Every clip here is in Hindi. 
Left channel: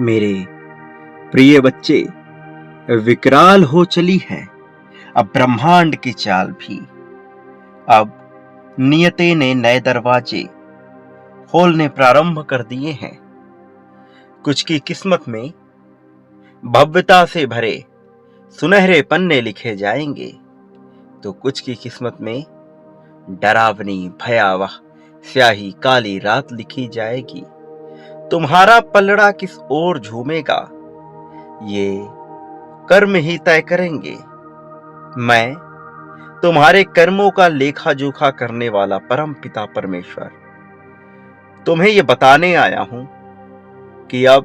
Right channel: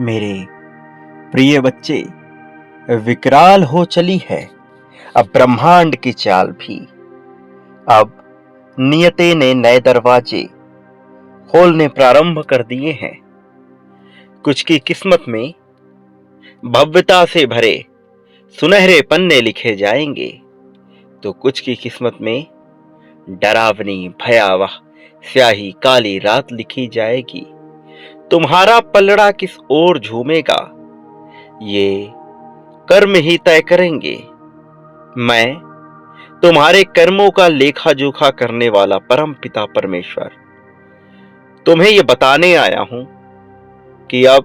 मेरे प्रिय बच्चे, विकराल हो चली है अब ब्रह्मांड की चाल भी। अब नियति ने नए दरवाजे खोलने प्रारंभ कर दिए हैं। कुछ की किस्मत में भव्यता से भरे सुनहरे पन्ने लिखे जाएंगे, तो कुछ की किस्मत में डरावनी भयावह स्याही काली रात लिखी जाएगी। तुम्हारा पलड़ा किस ओर झूमेगा, ये कर्म ही तय करेंगे। मैं तुम्हारे कर्मों का लेखा जोखा करने वाला परम पिता परमेश्वर तुम्हें यह बताने आया हूं कि अब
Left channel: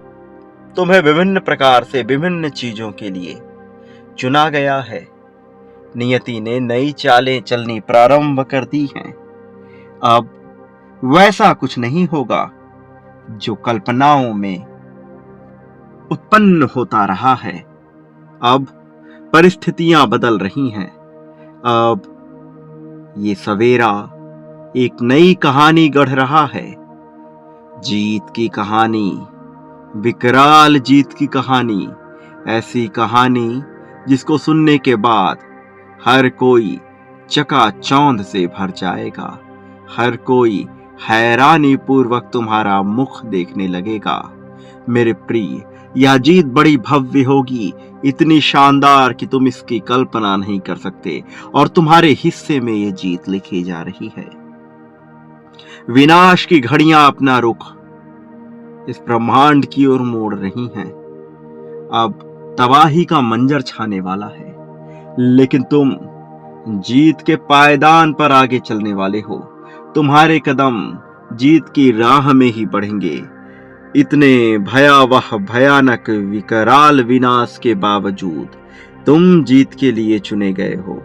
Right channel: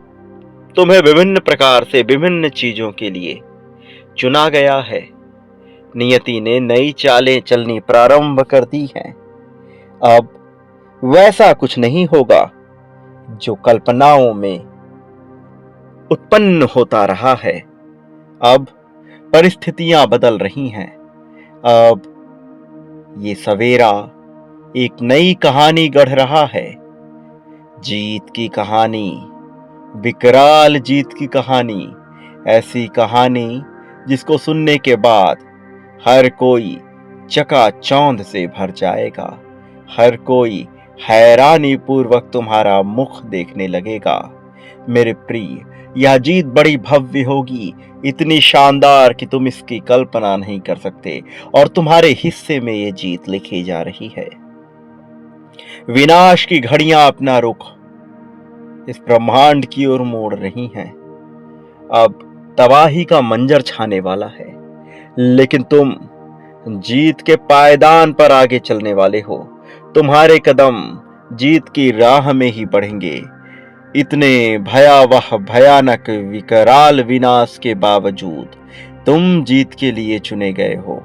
तुम्हें विभिन्न प्रकार से विभिन्न चीजों के लिए चुना गया है। नियति ने नई चालें चलनी प्रारंभ कर दी हैं। अब वैसा कुछ नहीं होगा जो कल्पनाओं में उत्पन्न होता रहा है। अब परिस्थितियां बदल रही हैं। अब ये सवेरा एक नई कहानी गढ़ रहा है। जीत की कहानी, विकराल जीत की कहानी, ऐसी कहानी जिसको सुनने के बाद हर कोई चकाचौंध से भर जाएगा। हर कोई हैरानी पूर्वक तुम्हारा मुख देखने लगेगा। मेरे प्रिय, यह जीत बड़ी भव्य होगी, इतनी शानदार कि तुम इसकी कल्पना नहीं कर सकते, और तुम्हारे हिस्से में यह जीत लिखी जा रही है। विनाश की घड़ियां अपना रुख इस ब्रह्मांड की ओर मोड़ रही हैं। अब तबाही का मंजर छाने वाला है, लेकिन तुम जीत के पायदान पर आगे चलने वाले हो। तुम्हारे कदम जीत की राह में ही बढ़ेंगे। इतने भयावह भयानक विकराल विनाश के बावजूद तुम जीत के लिए चुने गए हो,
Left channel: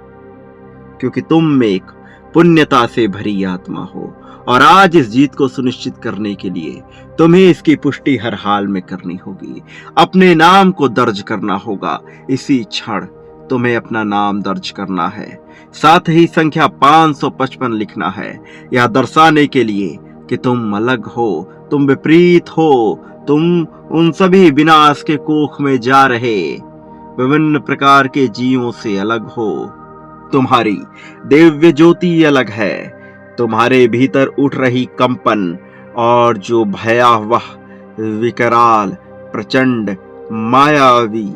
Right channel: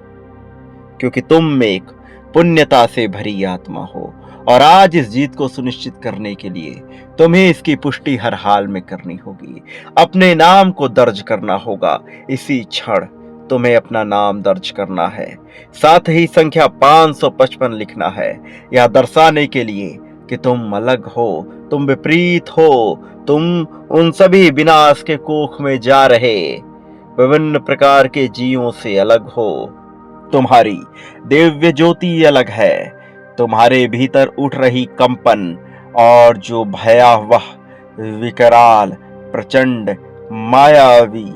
क्योंकि तुम एक पुण्यता से भरी आत्मा हो, और आज इस जीत को सुनिश्चित करने के लिए तुम्हें इसकी पुष्टि हर हाल में करनी होगी। अपने नाम को दर्ज करना होगा। इसी क्षण तुम्हें अपना नाम दर्ज करना है। साथ ही संख्या 555 लिखना है, यह दर्शाने के लिए कि तुम अलग हो, तुम विपरीत हो, तुम उन सभी विनाश के कुख में जा रहे विभिन्न प्रकार के जीवों से अलग हो। तुम्हारी दिव्य ज्योति अलग है। तुम्हारे भीतर उठ रही कंपन और जो भयावह विकराल प्रचंड मायावी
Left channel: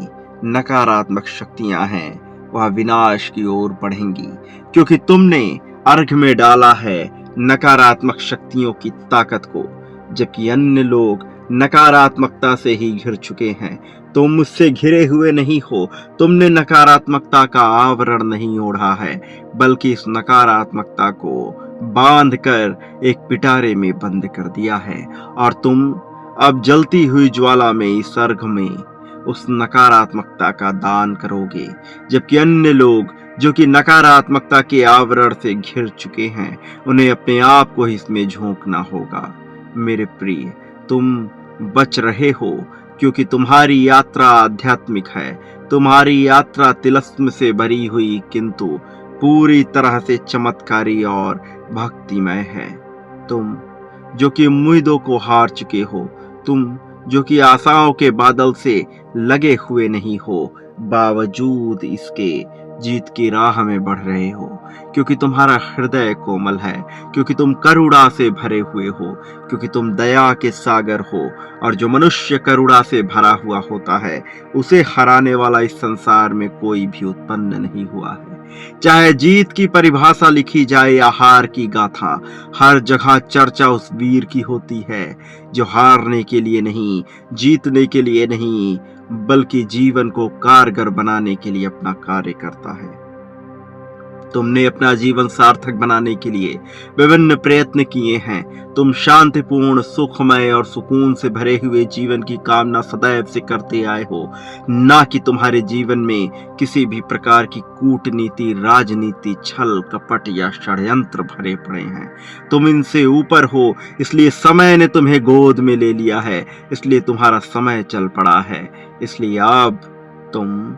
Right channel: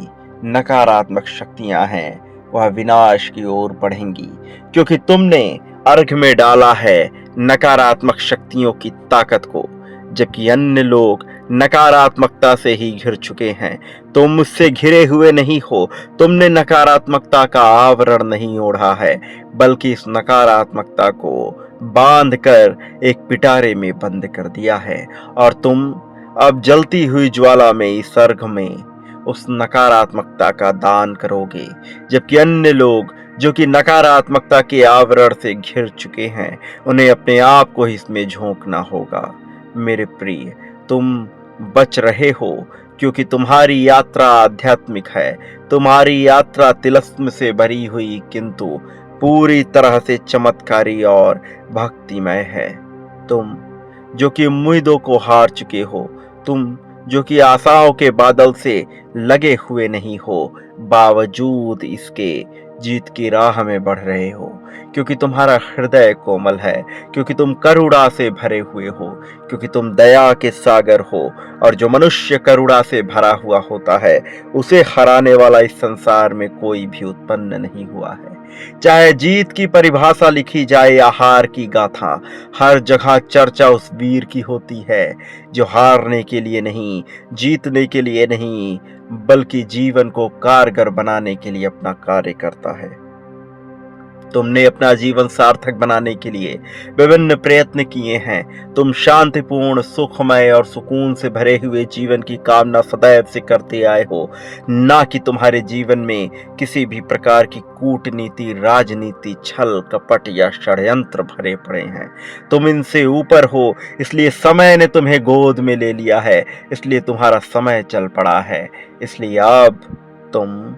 नकारात्मक शक्तियां हैं, वह विनाश की ओर बढ़ेंगी, क्योंकि तुमने अर्घ में डाला है नकारात्मक शक्तियों की ताकत को, जबकि अन्य लोग नकारात्मकता से ही घिर चुके हैं। तुम मुझसे घिरे हुए नहीं हो। तुमने नकारात्मकता का आवरण नहीं ओढ़ा है, बल्कि इस नकारात्मकता को बांध कर एक पिटारे में बंद कर दिया है, और तुम अब जलती हुई ज्वाला में इस अर्घ में उस नकारात्मकता का दान करोगे, जबकि अन्य लोग जो कि नकारात्मकता के आवरण से घिर चुके हैं, उन्हें अपने आप को इसमें झोंकना होगा। मेरे प्रिय, तुम बच रहे हो, क्योंकि तुम्हारी यात्रा आध्यात्मिक है। तुम्हारी यात्रा तिलस्म से भरी हुई, किंतु पूरी तरह से चमत्कारी और भक्तिमय है। तुम जो कि उम्मीदों को हार चुके हो, तुम जो कि आशाओं के बादल से लगे हुए नहीं हो, बावजूद इसके जीत की राह में बढ़ रहे हो, क्योंकि तुम्हारा हृदय कोमल है, क्योंकि तुम करुणा से भरे हुए हो, क्योंकि तुम दया के सागर हो, और जो मनुष्य करुणा से भरा हुआ होता है, उसे हराने वाला इस संसार में कोई भी उत्पन्न नहीं हुआ है। चाहे जीत की परिभाषा लिखी जाए या हार की गाथा, हर जगह चर्चा उस वीर की होती है जो हारने के लिए नहीं, जीतने के लिए नहीं, बल्कि जीवन को कारगर बनाने के लिए अपना कार्य करता है। तुमने अपना जीवन सार्थक बनाने के लिए विभिन्न प्रयत्न किए हैं। तुम शांतिपूर्ण, सुखमय और सुकून से भरे हुए जीवन की कामना सदैव से करते आए हो, ना कि तुम्हारे जीवन में किसी भी प्रकार की कूटनीति, राजनीति, छल कपट या षड्यंत्र भरे पड़े हैं। तुम इनसे ऊपर हो, इसलिए समय ने तुम्हें गोद में ले लिया है, इसलिए तुम्हारा समय चल पड़ा है। इसलिए अब तुम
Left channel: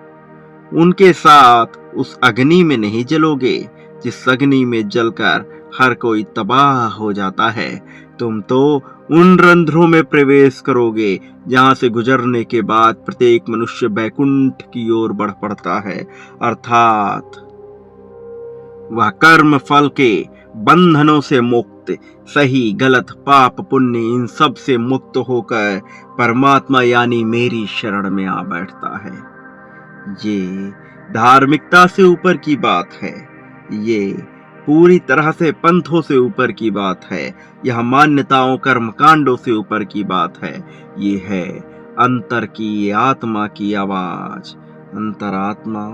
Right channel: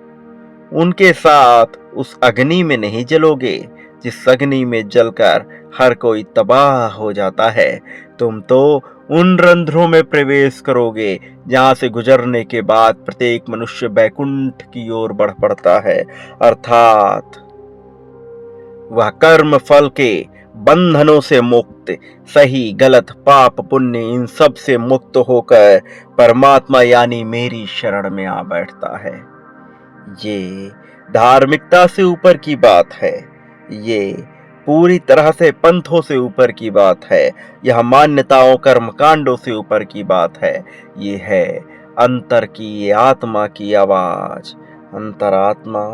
उनके साथ उस अग्नि में नहीं जलोगे जिस अग्नि में जलकर हर कोई तबाह हो जाता है। तुम तो उन रंध्रों में प्रवेश करोगे जहां से गुजरने के बाद प्रत्येक मनुष्य बैकुंठ की ओर बढ़ पड़ता है, अर्थात वह कर्म फल के बंधनों से मुक्त, सही गलत पाप पुण्य इन सब से मुक्त होकर परमात्मा यानी मेरी शरण में आ बैठता है। ये धार्मिकता से ऊपर की बात है। ये पूरी तरह से पंथों से ऊपर की बात है। यह मान्यताओं कर्मकांडों से ऊपर की बात है। ये है अंतर की आत्मा की आवाज। अंतरात्मा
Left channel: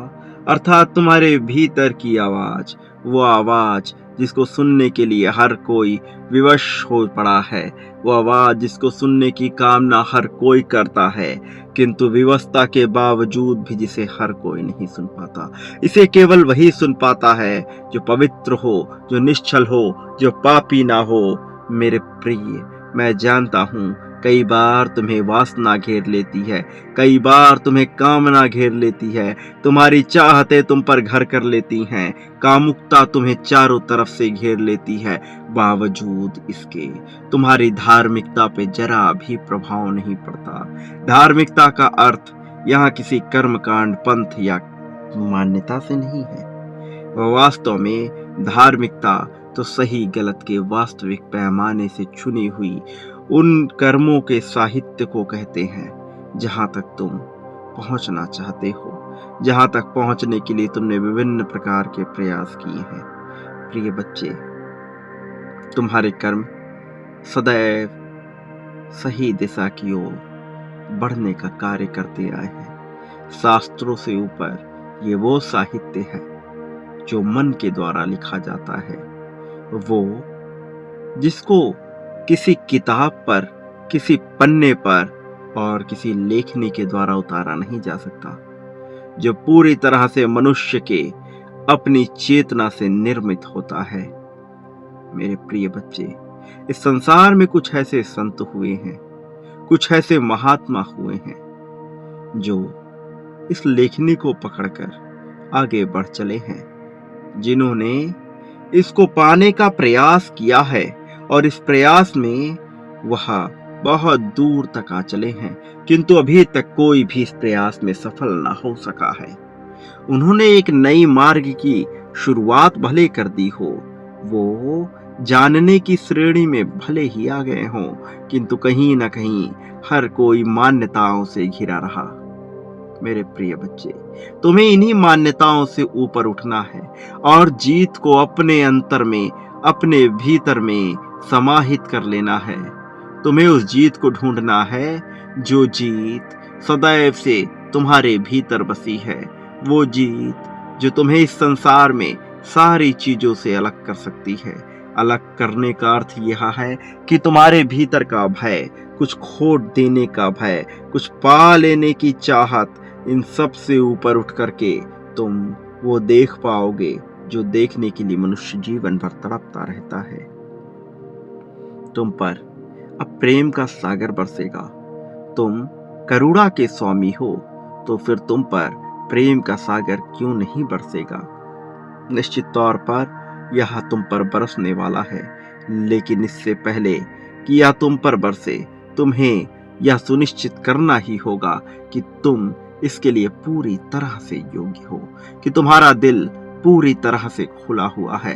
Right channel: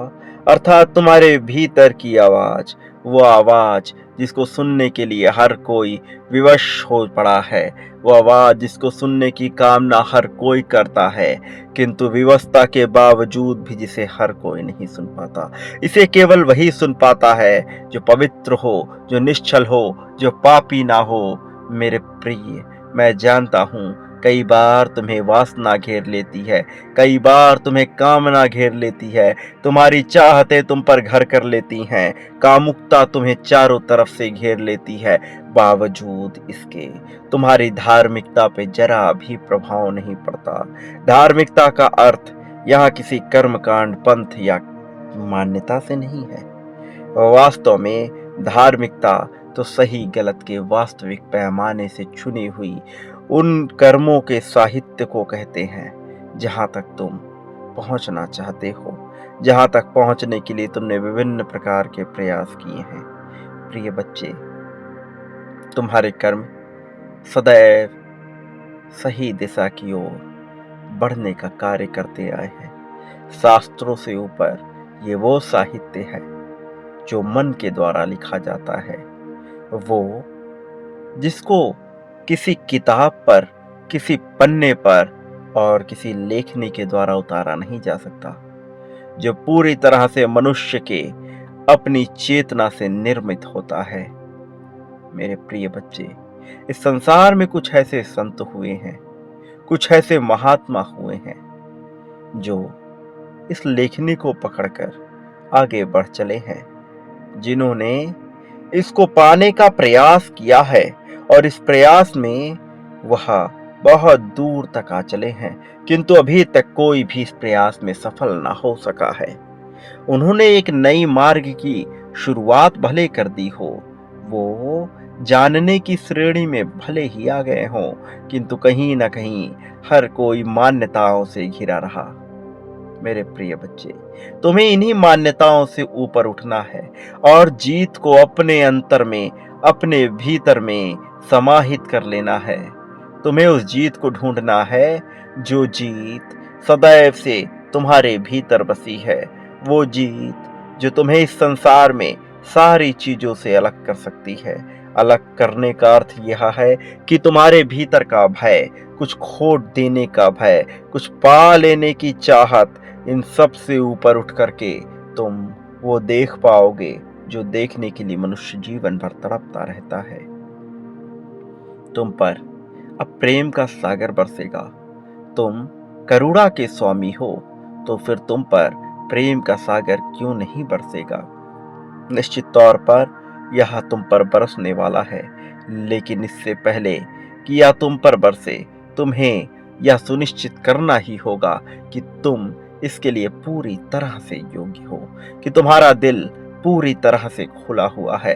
अर्थात तुम्हारे भीतर की आवाज, वो आवाज जिसको सुनने के लिए हर कोई विवश हो पड़ा है, वो आवाज जिसको सुनने की कामना हर कोई करता है, किंतु विवशता के बावजूद भी जिसे हर कोई नहीं सुन पाता। इसे केवल वही सुन पाता है जो पवित्र हो, जो निश्चल हो, जो पापी ना हो। मेरे प्रिय, मैं जानता हूँ कई बार तुम्हें वासना घेर लेती है, कई बार तुम्हें कामना घेर लेती है, तुम्हारी चाहते तुम पर घर कर लेती हैं, कामुकता तुम्हें चारों तरफ से घेर लेती है। बावजूद इसके तुम्हारी धार्मिकता पे जरा भी प्रभाव नहीं पड़ता। धार्मिकता का अर्थ यहाँ किसी कर्मकांड, पंथ या मान्यता से नहीं है। वास्तव में धार्मिकता तो सही गलत के वास्तविक पैमाने से चुनी हुई उन कर्मों के साहित्य को कहते हैं जहां तक तुम पहुंचना चाहते हो, जहां तक पहुंचने के लिए तुमने विभिन्न प्रकार के प्रयास किए हैं। प्रिय बच्चे, तुम्हारे कर्म सदैव सही दिशा की ओर बढ़ने का कार्य करते आए हैं। शास्त्रों से ऊपर ये वो साहित्य है जो मन के द्वारा लिखा जाता है, वो जिसको किसी किताब पर, किसी पन्ने पर और किसी लेखनी के द्वारा उतारा नहीं जा सकता, जो पूरी तरह से मनुष्य के अपनी चेतना से निर्मित होता है। मेरे प्रिय बच्चे, इस संसार में कुछ ऐसे संत हुए हैं, कुछ ऐसे महात्मा हुए हैं जो इस लेखनी को पकड़कर आगे बढ़ चले हैं, जिन्होंने इसको पाने का प्रयास किया है और इस प्रयास में वह बहुत दूर तक आ चले हैं, किंतु अभी तक कोई भी इस प्रयास में सफल ना हो सका है। उन्होंने एक नई मार्ग की शुरुआत भले कर दी हो, वो जानने की श्रेणी में भले ही आ गए हों, किंतु कहीं ना कहीं हर कोई मान्यताओं से घिरा रहा। मेरे प्रिय बच्चे, तुम्हें इन्हीं मान्यताओं से ऊपर उठना है और जीत को अपने अंतर में, अपने भीतर में समाहित कर लेना है। तुम्हें उस जीत को ढूंढना है जो जीत सदैव से तुम्हारे भीतर बसी है, वो जीत जो तुम्हें इस संसार में सारी चीजों से अलग कर सकती है। अलग करने का अर्थ यह है कि तुम्हारे भीतर का भय, कुछ खोट देने का भय, कुछ पा लेने की चाहत, इन सब से ऊपर उठ करके तुम वो देख पाओगे जो देखने के लिए मनुष्य जीवन भर तड़पता रहता है। तुम पर अब प्रेम का सागर बरसेगा। तुम करुणा के स्वामी हो, तो फिर तुम पर प्रेम का सागर क्यों नहीं बरसेगा। निश्चित तौर पर यह तुम पर बरसने वाला है, लेकिन इससे पहले कि यह तुम पर बरसे, तुम्हें यह सुनिश्चित करना ही होगा कि तुम इसके लिए पूरी तरह से योग्य हो, कि तुम्हारा दिल पूरी तरह से खुला हुआ है,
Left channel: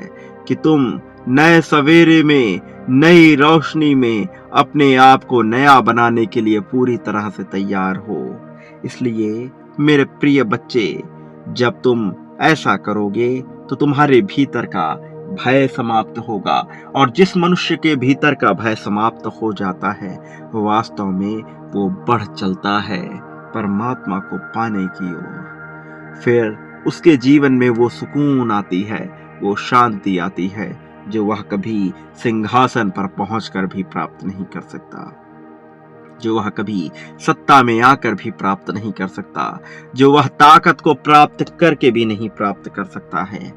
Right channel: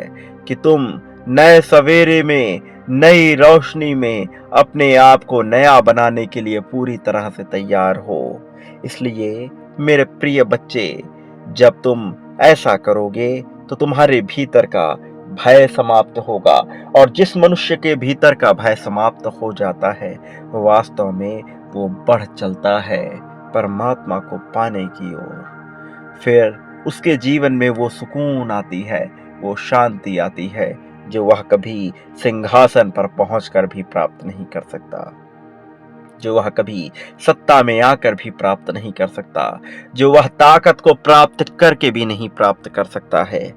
कि तुम नए सवेरे में, नई रोशनी में अपने आप को नया बनाने के लिए पूरी तरह से तैयार हो। इसलिए मेरे प्रिय बच्चे, जब तुम ऐसा करोगे तो तुम्हारे भीतर का भय समाप्त होगा, और जिस मनुष्य के भीतर का भय समाप्त हो जाता है, वास्तव में वो बढ़ चलता है परमात्मा को पाने की ओर। फिर उसके जीवन में वो सुकून आती है, वो शांति आती है जो वह कभी सिंहासन पर पहुंचकर भी प्राप्त नहीं कर सकता, जो वह कभी सत्ता में आकर भी प्राप्त नहीं कर सकता, जो वह ताकत को प्राप्त करके भी नहीं प्राप्त कर सकता है।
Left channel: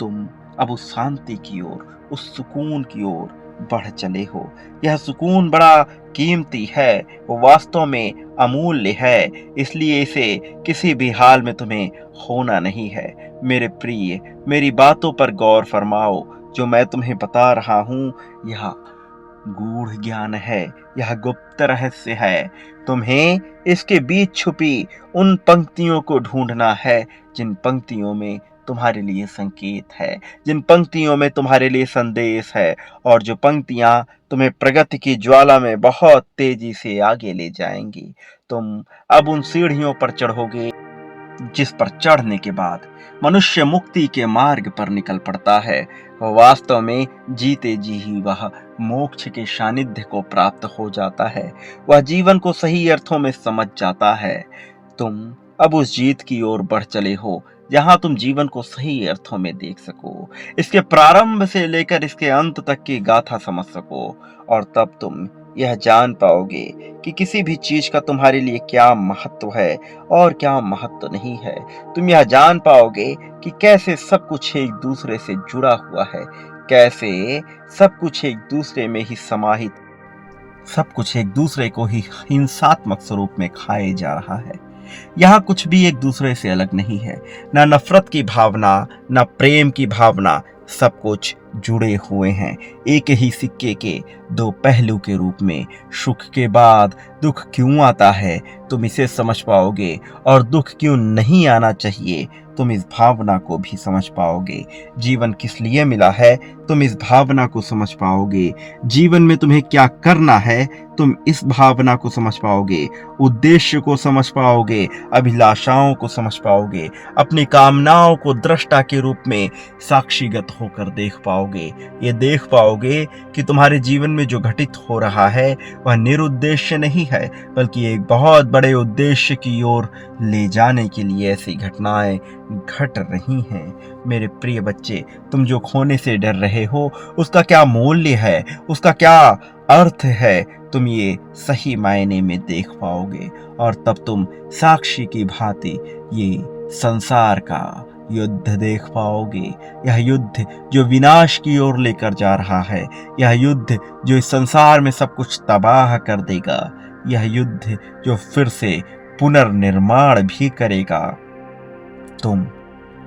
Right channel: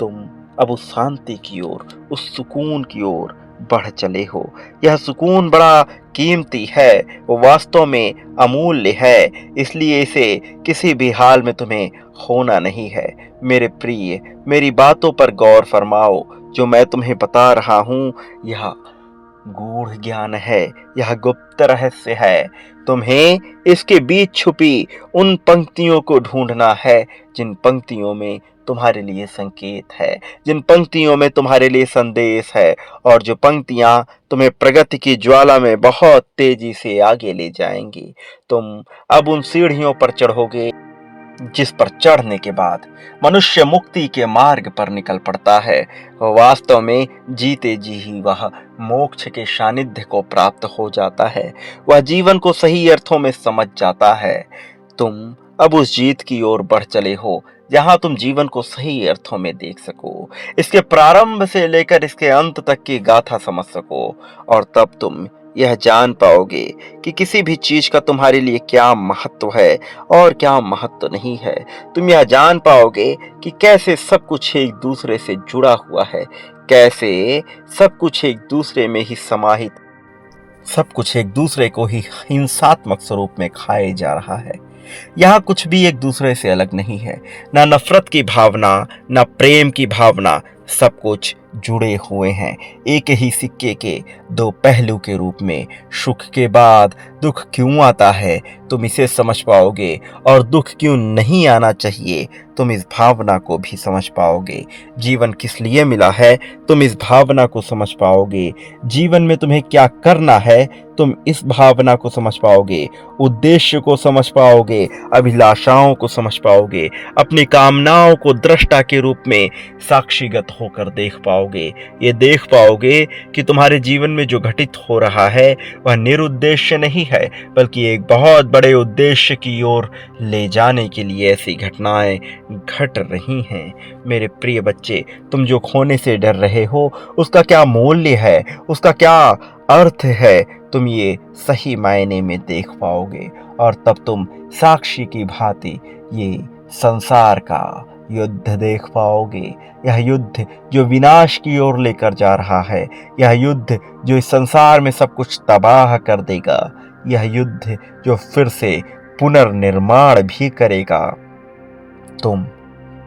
तुम अब उस शांति की ओर, उस सुकून की ओर बढ़ चले हो। यह सुकून बड़ा कीमती है, वो वास्तव में अमूल्य है, इसलिए इसे किसी भी हाल में तुम्हें खोना नहीं है। मेरे प्रिय, मेरी बातों पर गौर फरमाओ। जो मैं तुम्हें बता रहा हूँ, यह गूढ़ ज्ञान है, यह गुप्त रहस्य है। तुम्हें इसके बीच छुपी उन पंक्तियों को ढूंढना है जिन पंक्तियों में तुम्हारे लिए संकेत है, जिन पंक्तियों में तुम्हारे लिए संदेश है, और जो पंक्तियां तुम्हें प्रगति की ज्वाला में बहुत तेजी से आगे ले जाएंगी। तुम अब उन सीढ़ियों पर चढ़ोगे जिस पर चढ़ने के बाद मनुष्य मुक्ति के मार्ग पर निकल पड़ता है। वास्तव में जीते जी ही वह मोक्ष के सानिध्य को प्राप्त हो जाता है। वह जीवन को सही अर्थों में समझ जाता है। तुम अब उस जीत की ओर बढ़ चले हो जहां तुम जीवन को सही अर्थों में देख सको, इसके प्रारंभ से लेकर इसके अंत तक की गाथा समझ सको। और तब तुम यह जान पाओगे कि किसी भी चीज का तुम्हारे लिए क्या महत्व है और क्या महत्व नहीं है। तुम यह जान पाओगे कि कैसे सब कुछ एक दूसरे से जुड़ा हुआ है, कैसे सब कुछ एक दूसरे में ही समाहित, सब कुछ एक दूसरे को ही हिंसात्मक स्वरूप में खाए जा रहा है। यहाँ कुछ भी एक दूसरे से अलग नहीं है, ना नफरत की भावना, ना प्रेम की भावना, सब कुछ जुड़े हुए हैं एक ही सिक्के के दो पहलू के रूप में। सुख के बाद दुख क्यों आता है तुम इसे समझ पाओगे, और दुख क्यों नहीं आना चाहिए तुम इस भावना को भी समझ पाओगे। जीवन किस लिए मिला है तुम इस भावना को समझ पाओगे। जीवन में तुम्हें क्या करना है तुम इस भावना को समझ पाओगे। उद्देश्य को समझ पाओगे, अभिलाषाओं को समझ पाओगे, अपनी कामनाओं को दृष्टा के रूप में साक्षीगत होकर देख पाओगे। ये देख पाओगे कि तुम्हारे जीवन में जो घटित हो रहा है वह निरुद्देश्य नहीं है, बल्कि एक बहुत बड़े उद्देश्य की ओर ले जाने के लिए ऐसी घटनाएं घट रही हैं। मेरे प्रिय बच्चे, तुम जो खोने से डर रहे हो उसका क्या मूल्य है, उसका क्या अर्थ है, तुम ये सही मायने में देख पाओगे। और तब तुम साक्षी की भांति ये संसार का युद्ध देख पाओगे। यह युद्ध जो विनाश की ओर लेकर जा रहा है, यह युद्ध जो इस संसार में सब कुछ तबाह कर देगा, यह युद्ध जो फिर से पुनर्निर्माण भी करेगा। तुम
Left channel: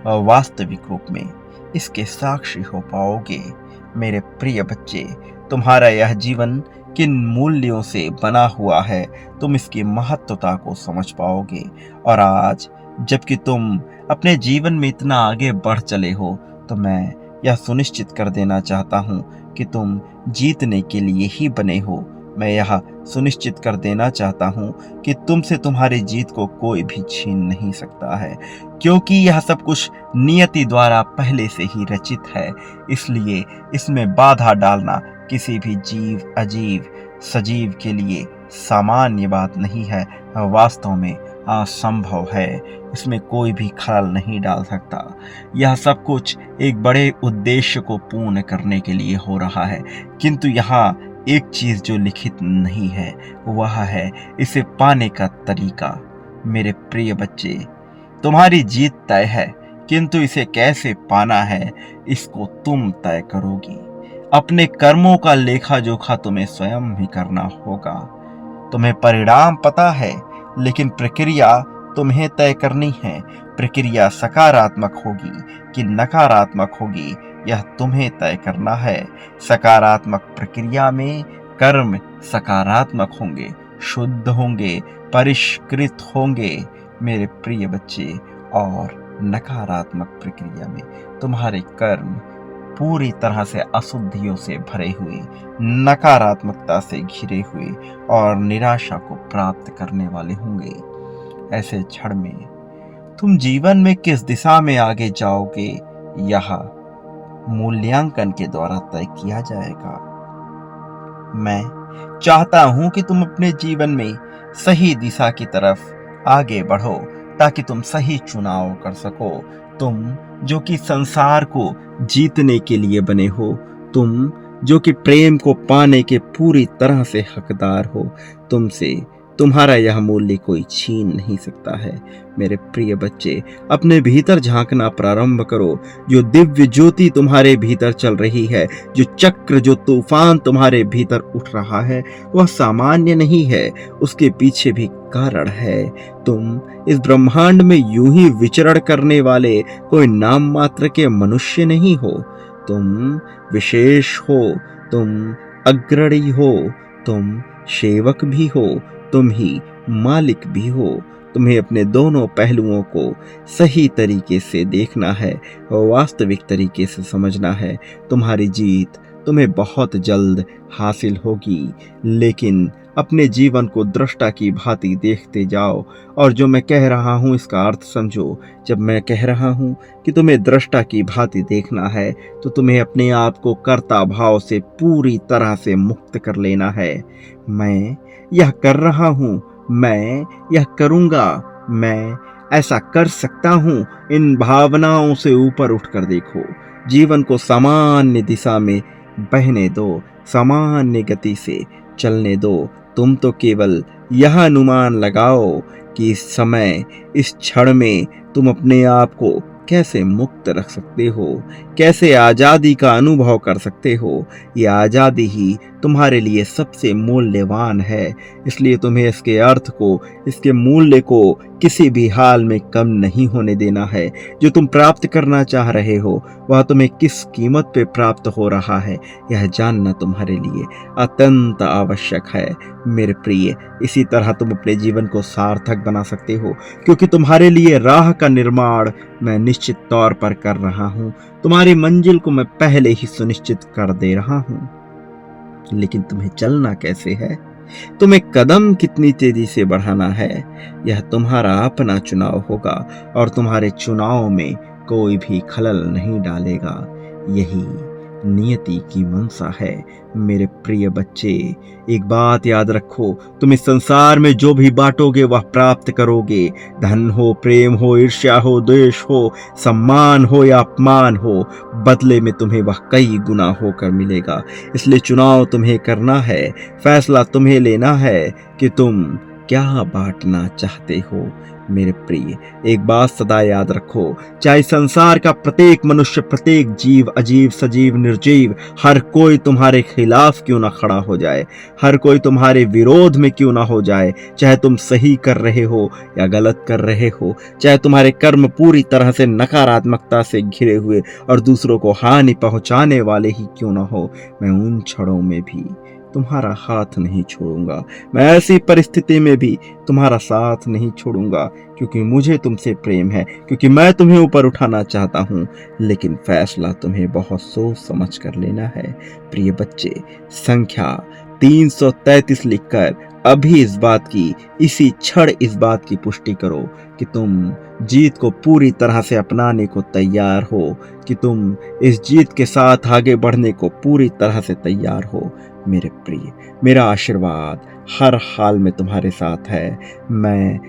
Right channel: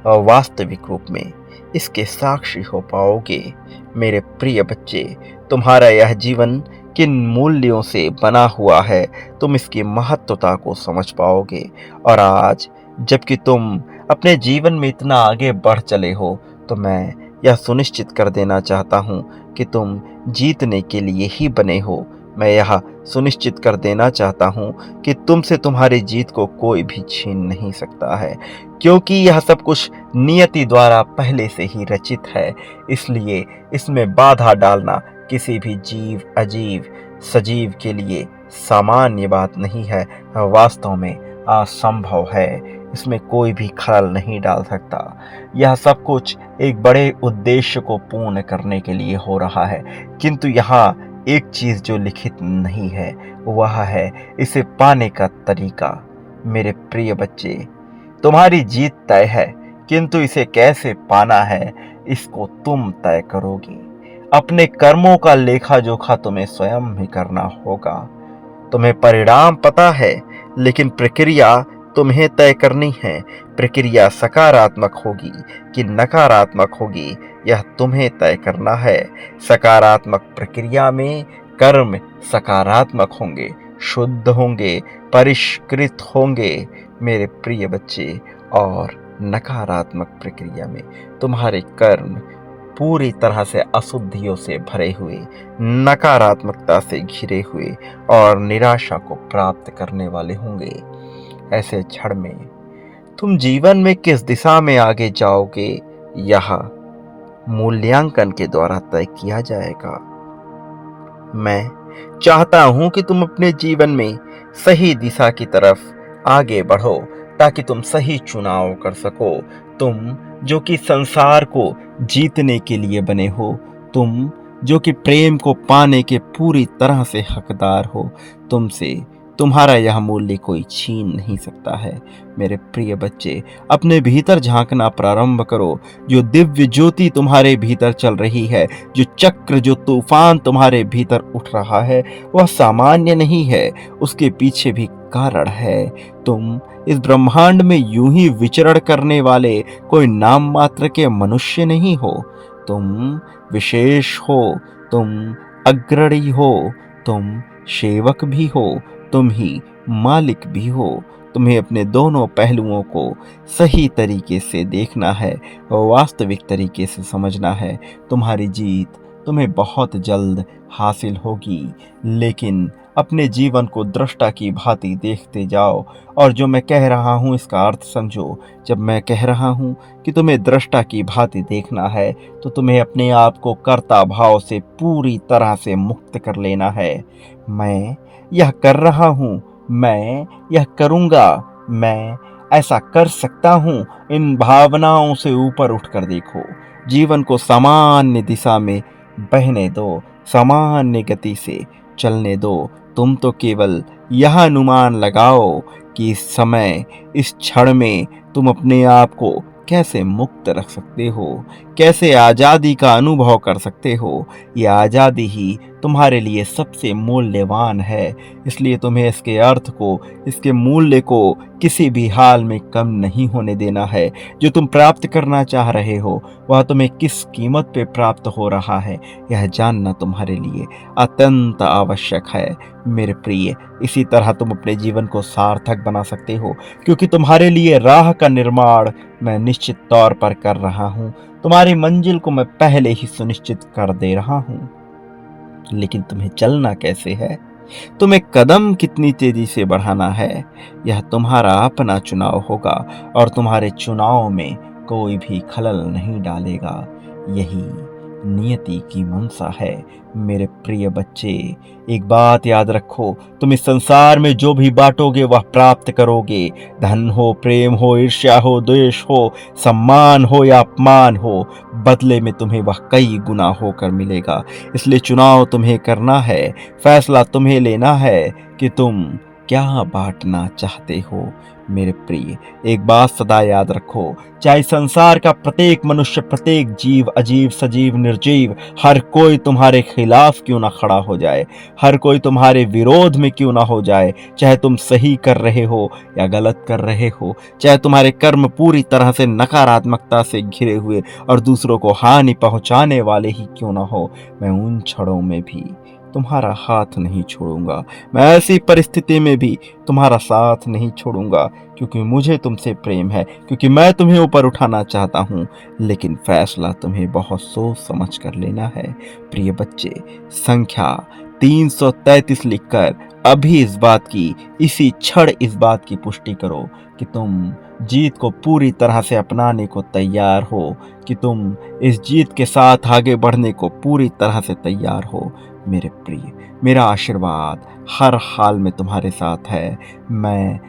वास्तविक रूप में इसके साक्षी हो पाओगे। मेरे प्रिय बच्चे, तुम्हारा यह जीवन किन मूल्यों से बना हुआ है तुम इसकी महत्वता को समझ पाओगे। और आज जबकि तुम अपने जीवन में इतना आगे बढ़ चले हो, तो मैं यह सुनिश्चित कर देना चाहता हूँ कि तुम जीतने के लिए ही बने हो। मैं यह सुनिश्चित कर देना चाहता हूँ कि तुमसे तुम्हारी जीत को कोई भी छीन नहीं सकता है, क्योंकि यह सब कुछ नियति द्वारा पहले से ही रचित है। इसलिए इसमें बाधा डालना किसी भी जीव, अजीव, सजीव के लिए सामान्य बात नहीं है, वास्तव में असंभव है। इसमें कोई भी खलल नहीं डाल सकता। यह सब कुछ एक बड़े उद्देश्य को पूर्ण करने के लिए हो रहा है, किंतु यहाँ एक चीज जो लिखित नहीं है वह है इसे पाने का तरीका। मेरे प्रिय बच्चे, तुम्हारी जीत तय है, किंतु इसे कैसे पाना है इसको तुम तय करोगी। अपने कर्मों का लेखा जोखा तुम्हें स्वयं ही करना होगा। तुम्हें परिणाम पता है, लेकिन प्रक्रिया तुम्हें तय करनी है। प्रक्रिया सकारात्मक होगी कि नकारात्मक होगी, यह तुम्हें तय करना है। सकारात्मक प्रक्रिया में कर्म सकारात्मक होंगे, शुद्ध होंगे, परिष्कृत होंगे मेरे प्रिय बच्चे। और नकारात्मक प्रक्रिया में तुम्हारे कर्म पूरी तरह से अशुद्धियों से भरे हुए, नकारात्मकता से घिरे हुए और निराशा को प्राप्त करने वाले होंगे। ऐसे क्षण में तुम जीवन में किस दिशा में आगे जाओगे, यह मूल्यांकन के द्वारा तय किया जाएगा। मैं चाहता हूं कि तुम अपने जीवन में सही दिशा की तरफ आगे बढ़ो, ताकि तुम सही चुनाव कर सको। तुम जो कि संसार को जीतने के लिए बने हो, तुम जो कि प्रेम को पाने के पूरी तरह से हकदार हो, तुमसे तुम्हारा यह मूल्य कोई छीन नहीं सकता है। मेरे प्रिय बच्चे, अपने भीतर झांकना प्रारंभ करो। जो दिव्य ज्योति तुम्हारे भीतर चल रही है, जो चक्र, जो तूफान तुम्हारे भीतर उठ रहा है, वह सामान्य नहीं है, उसके पीछे भी कारण है। तुम इस ब्रह्मांड में यूं ही विचरण करने वाले कोई नाम मात्र के मनुष्य नहीं हो। तुम विशेष हो, तुम अग्रणी हो, तुम सेवक भी हो, तुम ही मालिक भी हो। तुम्हें अपने दोनों पहलुओं को सही तरीके से देखना है और वास्तविक तरीके से समझना है। तुम्हारी जीत तुम्हें बहुत जल्द हासिल होगी, लेकिन अपने जीवन को दृष्टा की भांति देखते जाओ। और जो मैं कह रहा हूँ इसका अर्थ समझो। जब मैं कह रहा हूँ कि तुम्हें दृष्टा की भांति देखना है, तो तुम्हें अपने आप को कर्ता भाव से पूरी तरह से मुक्त कर लेना है। मैं यह कर रहा हूँ, मैं यह करूँगा, मैं ऐसा कर सकता हूँ, इन भावनाओं से ऊपर उठकर देखो। जीवन को सामान्य दिशा में बहने दो, सामान्य गति से चलने दो। तुम तो केवल यह अनुमान लगाओ कि इस समय, इस क्षण में तुम अपने आप को कैसे मुक्त रख सकते हो, कैसे आज़ादी का अनुभव कर सकते हो। ये आज़ादी ही तुम्हारे लिए सबसे मूल्यवान है, इसलिए तुम्हें इसके अर्थ को, इसके मूल्य को किसी भी हाल में कम नहीं होने देना है। जो तुम प्राप्त करना चाह रहे हो, वह तुम्हें किस कीमत पे प्राप्त हो रहा है, यह जानना तुम्हारे लिए अत्यंत आवश्यक है मेरे प्रिय। इसी तरह तुम अपने जीवन को सार्थक बना सकते हो, क्योंकि तुम्हारे लिए राह का निर्माण मैं निश्चित तौर पर कर रहा हूँ। तुम्हारी मंजिल को मैं पहले ही सुनिश्चित कर दे रहा हूँ, लेकिन तुम्हें चलना कैसे है, तुम्हें कदम कितनी तेजी से बढ़ाना है, यह तुम्हारा अपना चुनाव होगा और तुम्हारे चुनाव में कोई भी खलल नहीं डालेगा। यही नियति की मंशा है मेरे प्रिय बच्चे। एक बात याद रखो, तुम इस संसार में जो भी बांटोगे वह प्राप्त करोगे। धन हो, प्रेम हो, ईर्ष्या हो, द्वेष हो, सम्मान हो या अपमान हो, बदले में तुम्हें वह कई गुना होकर मिलेगा। इसलिए चुनाव तुम्हें करना है, फैसला तुम्हें लेना है कि तुम क्या बांटना चाहते हो मेरे प्रिय। एक बात सदा याद रखो, चाहे संसार का प्रत्येक मनुष्य, प्रत्येक जीव, अजीब सजीव निर्जीव, हर कोई तुम्हारे खिलाफ क्यों ना खड़ा हो जाए, हर कोई तुम्हारे विरोध में क्यों ना हो जाए, चाहे तुम सही कर रहे हो या गलत कर रहे हो, चाहे तुम्हारे कर्म पूरी तरह से नकारात्मकता से घिरे हुए और दूसरों को हानि पहुंचाने वाले ही क्यों ना हो, मैं उन क्षणों में भी तुम्हारा हाथ नहीं छोड़ूंगा। मैं ऐसी परिस्थिति में भी तुम्हारा साथ नहीं छोड़ूंगा, क्योंकि मुझे तुमसे प्रेम है, क्योंकि मैं तुम्हें ऊपर उठाना चाहता हूँ। लेकिन फैसला तुम्हें बहुत सोच समझ कर लेना है प्रिय बच्चे। संख्या 333 लिखकर अभी इस बात की, इसी क्षण इस बात की पुष्टि करो कि तुम जीत को पूरी तरह से अपनाने को तैयार हो, कि तुम इस जीत के साथ आगे बढ़ने को पूरी तरह से तैयार हो मेरे प्रिय। मेरा आशीर्वाद हर हाल में तुम्हारे साथ है। मैं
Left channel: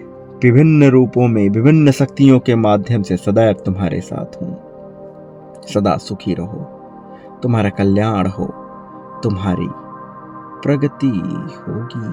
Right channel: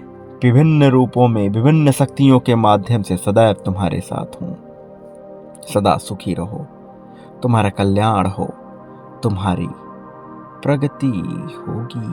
विभिन्न रूपों में, विभिन्न शक्तियों के माध्यम से सदैव तुम्हारे साथ हूँ। सदा सुखी रहो, तुम्हारा कल्याण हो, तुम्हारी प्रगति होगी।